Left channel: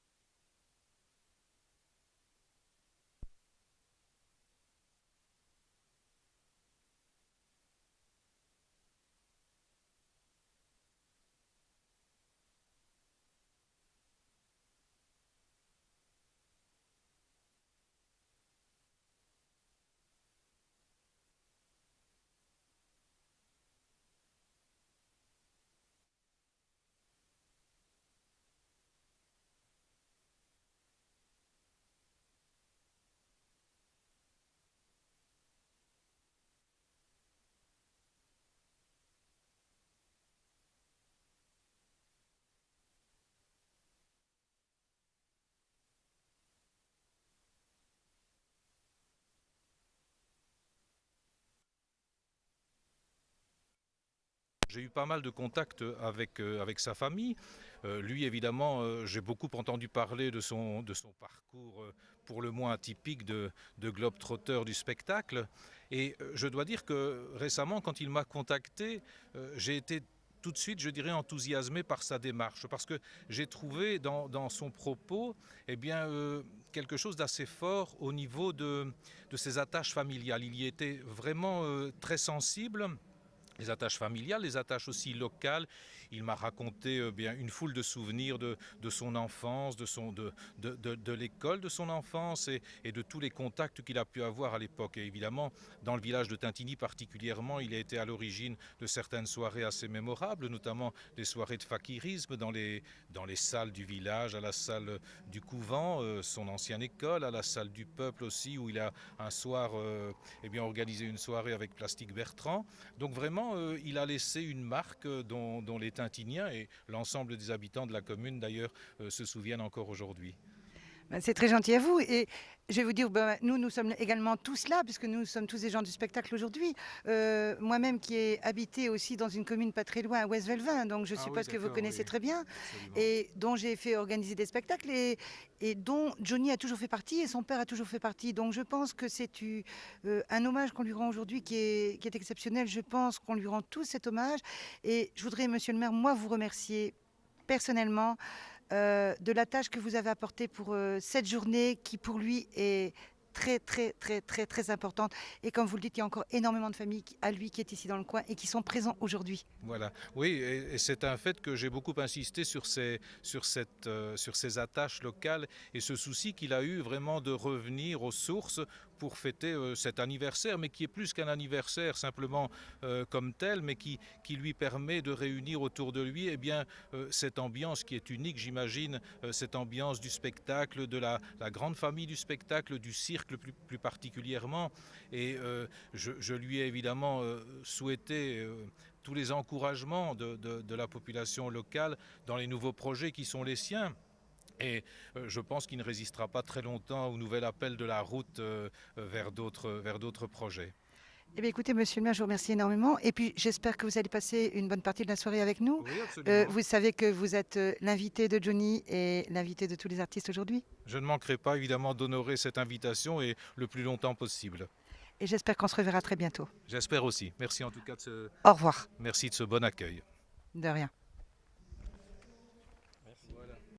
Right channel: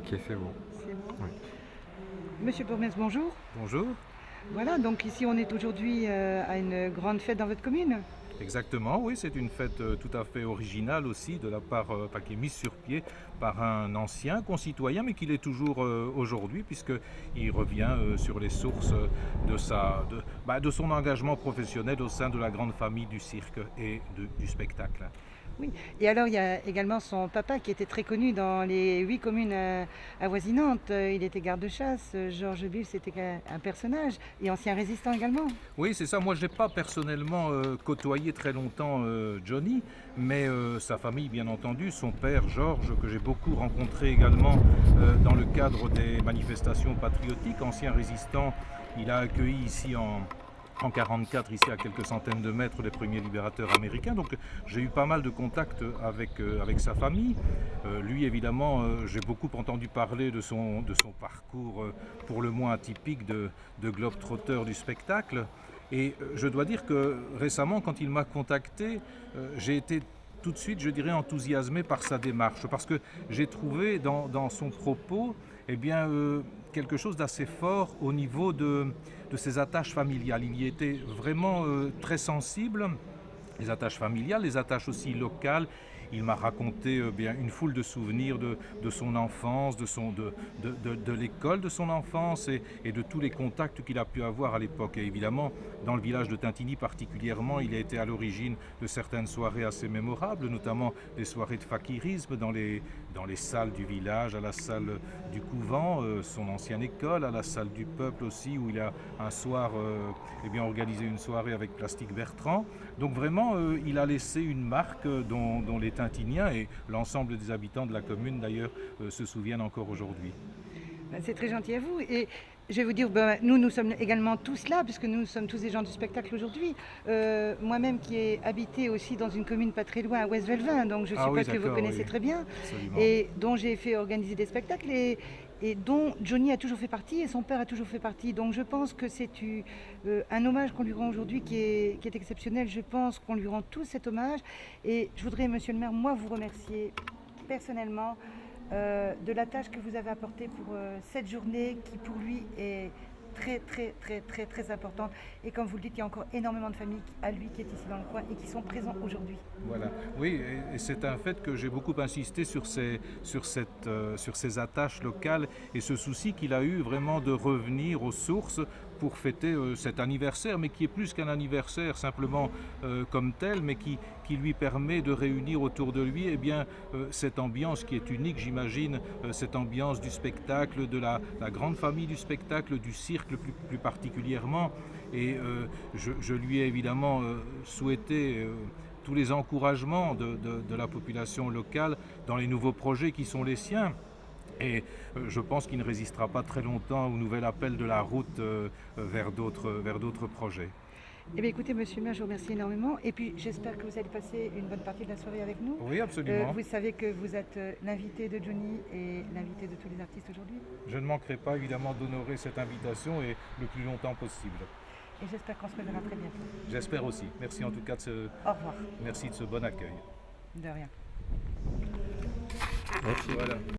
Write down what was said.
Ok, c'est bon. C'est bon. Oui. Monsieur Bourmez, bonjour. Bonjour. Voilà, donc ici on est aujourd'hui à une grande fête dans votre commune. Exactement, oui, c'est une fête tout à fait originale aussi, de la part, enfin, qui est mise sur pied par un ancien concitoyen, mais qui l'est toujours aujourd'hui, puisqu'il revient sur les sources de son engagement professionnel au sein de la grande famille du cirque et du spectacle. Oui, et alors il y a également son papa qui était très connu dans les 8 communes avoisinantes. Il était garde-chasse. Georges Bull, c'était un personnage et ancien résistant également. Oui, c'est ça. Moi, je n'ai pas personnellement côtoyé très longtemps Johnny, mais sa famille, bien entendu, son père, Georges, que j'ai beaucoup rencontré également dans le cadre des manifestations patriotiques, ancien résistant, il a accueilli ici en 1944, ici à quelques centaines de mètres, les premiers libérateurs américains. Donc j'ai eu pas mal de contacts avec sa famille. Lui, évidemment, j'ai beaucoup entendu parler de son parcours pour le moins atypique de globe-trotteur du spectacle. Et je dois dire que récemment, quand il m'a contacté, j'ai été tout de suite, je dirais, enthousiasmé par sa démarche, parce que j'ai trouvé dans son propos quelque chose d'assez fort au niveau de ses attaches familiales. Il y était vraiment très sensible. Les attaches familiales, les attaches aussi locales. Il m'a raconté une foule de souvenirs de son enfance, de l'école de son enfance et de tous les contacts qu'il a pu avoir à l'époque. Et évidemment, dans le village de Tintigny particulièrement, il a été à l'origine de certaines soirées assez mémorables, notamment des soirées de fakirisme dans les salles du village, à la salle du couvent, son ancienne école, à la salle du peuple aussi, où il a un soir organisé une soirée avec Plastique Bertrand. Donc vraiment, il a laissé une marque dont les Tintigniens et l'ensemble des habitants de la commune d'ailleurs se souviennent encore aujourd'hui. C'est très gentil à vous. Et je vais vous dire, nous sommes également tous là, puisque nous sommes tous des gens du spectacle aujourd'hui. Moi-même qui ai habité aussi dans une commune pas très loin, à West-Velvin, donc je suppose que vous connaissez très bien, Absolument. et dont j'ai fait organiser des spectacles, et dont Johnny a toujours fait partie, et son père a toujours fait partie. Donc je pense que c'est un hommage qu'on lui rend aujourd'hui qui est exceptionnel. Je pense qu'on lui rend tous cet hommage. Et je voudrais, monsieur le maire, moi vous remercier personnellement de la tâche que vous avez apportée pour cette journée qui pour lui est très importante. Et comme vous le dites, il y a encore énormément de familles à lui qui est ici dans le coin et qui sont présents aujourd'hui. Voilà, oui, et c'est un fait que j'ai beaucoup insisté sur ces attaches locales et ce souci qu'il a eu vraiment de revenir aux sources pour fêter cet anniversaire, mais qui est plus qu'un anniversaire simplement comme tel, mais qui lui permet de réunir autour de lui cette ambiance qui est unique, j'imagine, cette ambiance du spectacle, de la grande famille du spectacle, du cirque plus particulièrement. Et je lui ai évidemment souhaité tous les encouragements de la population locale dans les nouveaux projets qui sont les siens. Et je pense qu'il ne résistera pas très longtemps au nouvel appel de la route vers d'autres projets. Eh bien, écoutez, monsieur le maire, je vous remercie énormément. Et puis, j'espère que vous allez passer une bonne partie de la soirée avec nous. Oui, absolument. Vous savez que vous êtes l'invité de Johnny et l'invité de tous les artistes aujourd'hui. Je ne manquerai pas évidemment d'honorer cette invitation et le plus longtemps possible. Et j'espère qu'on se reverra très bientôt. J'espère aussi. Merci en tout cas Au revoir. merci de ce bon accueil. De rien. Merci. Voilà.